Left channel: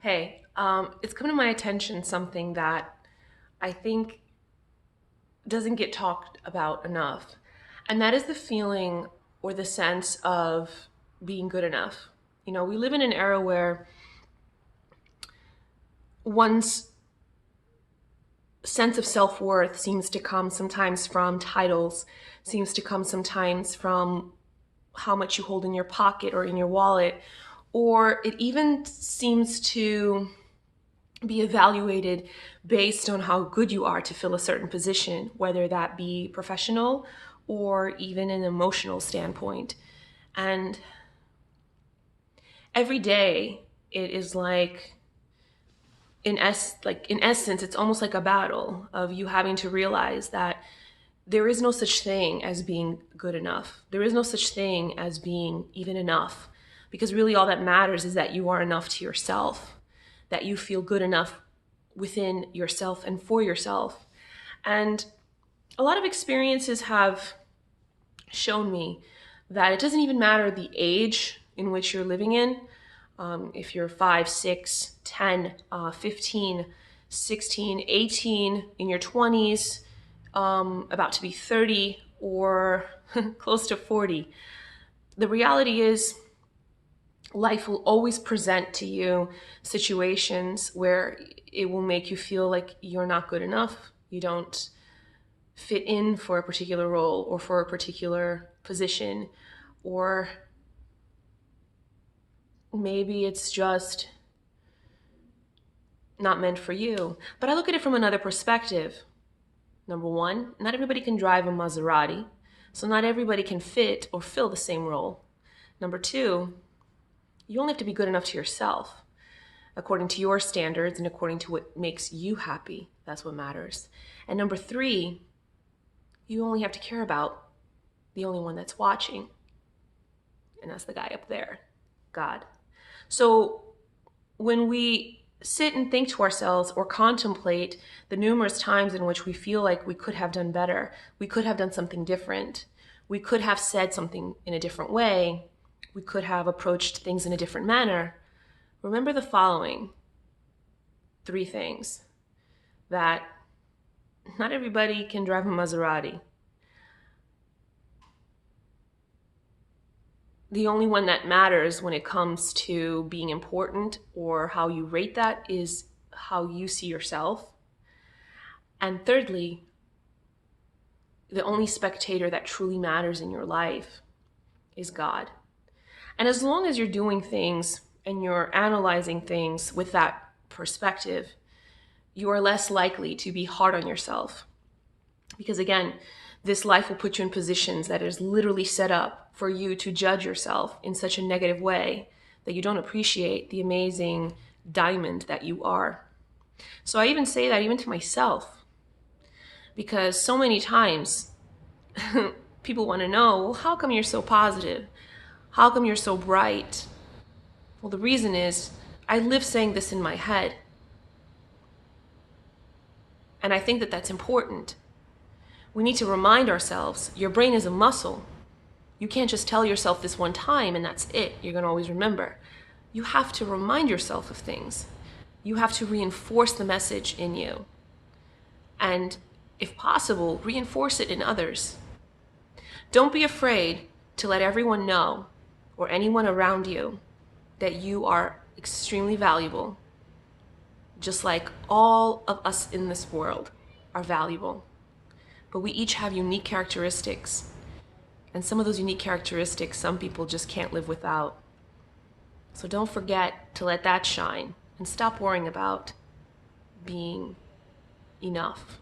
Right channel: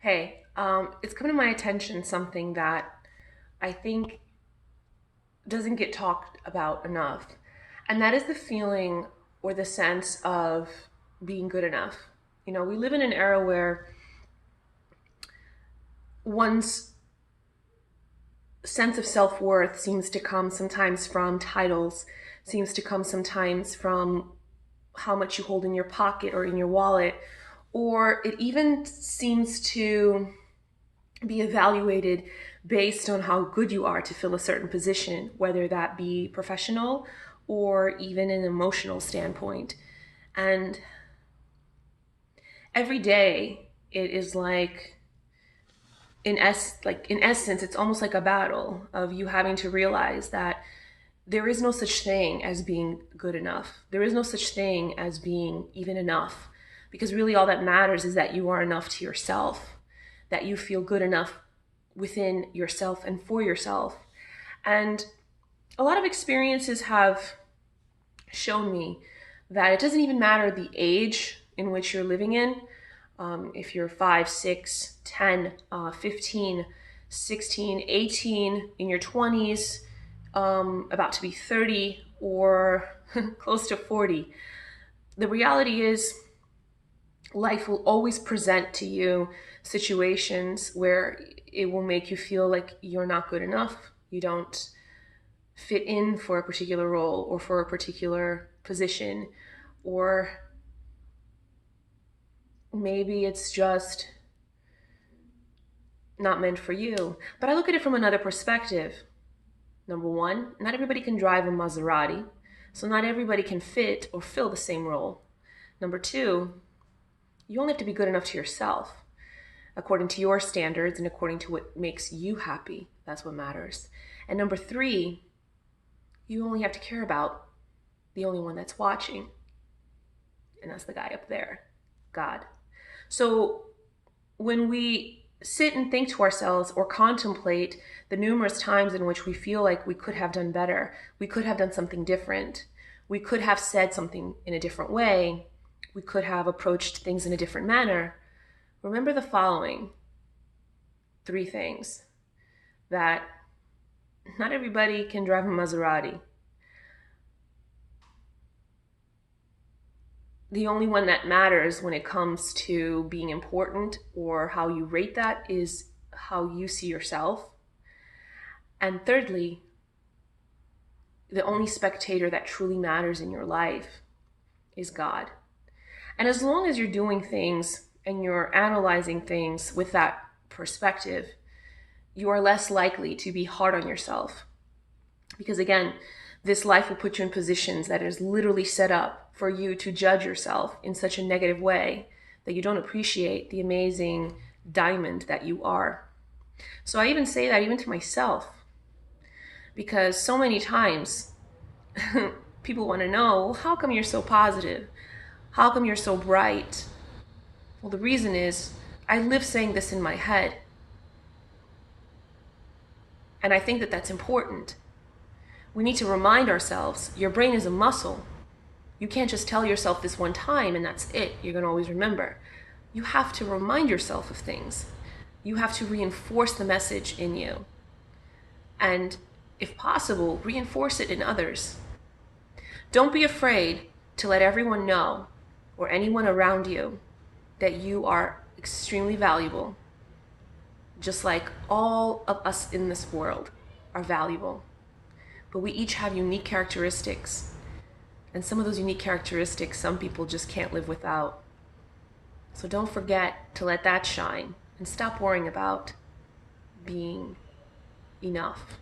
Hey, it's come to my attention something that I think doesn't get talked about enough, and that is the feeling or the sense of being good enough. We live in an era where one's sense of self worth seems to come sometimes from titles, seems to come sometimes from how much you hold in your pocket or in your wallet, or it even seems to be evaluated based on how good you are to fill a certain position, whether that be professional or even an emotional standpoint. And every day it is in essence, it's almost like a battle of you having to realize that there is no such thing as being good enough. There is no such thing as being even enough. Because really all that matters is that you are enough to yourself, that you feel good enough within yourself and for yourself. And a lot of experiences have shown me that it doesn't even matter the age in which you're living in. If you're 5, 6, 10, 15, 16, 18, in your 20s, about to be 30, or close to 40. The reality is, life will always present to you situations where it will make you feel like you're not good enough. You don't fit in for a particular role or for a particular position, or maybe it's just not meant for you. But I look at it from another perspective. Number one, not everybody can drive a Maserati, so not everybody can fit or fill the same role. Number two, you only have to be good enough to yourself, according to your standards and according to what makes you happy. That's what matters. And number three, you only have to care about the only one that's watching, and that's the guy up there, God. So when we sit and think to ourselves or contemplate the numerous times in which we feel like we could have done better, we could have done something different, we could have said something in a different way, we could have approached things in a different manner, remember the following three things: that not everybody can drive a Maserati. The only one that matters when it comes to being important or how you rate that is how you see yourself. And thirdly, the only spectator that truly matters in your life is God. And as long as you're doing things and you're analyzing things with that perspective, you are less likely to be hard on yourself. Because again, this life will put you in positions that is literally set up for you to judge yourself in such a negative way that you don't appreciate the amazing diamond that you are. So I even say that even to myself, because so many times people want to know, well, how come you're so positive? How come you're so bright? Well, the reason is I live saying this in my head. And I think that that's important. We need to remind ourselves your brain is a muscle. You can't just tell yourself this one time and that's it. You're going to always remember. You have to remind yourself of things. You have to reinforce the message in you. And if possible, reinforce it in others. Don't be afraid to let everyone know, or anyone around you, that you are extremely valuable, just like all of us in this world are valuable. But we each have unique characteristics. And some of those unique characteristics, some people just can't live without. So don't forget to let that shine and stop worrying about being enough.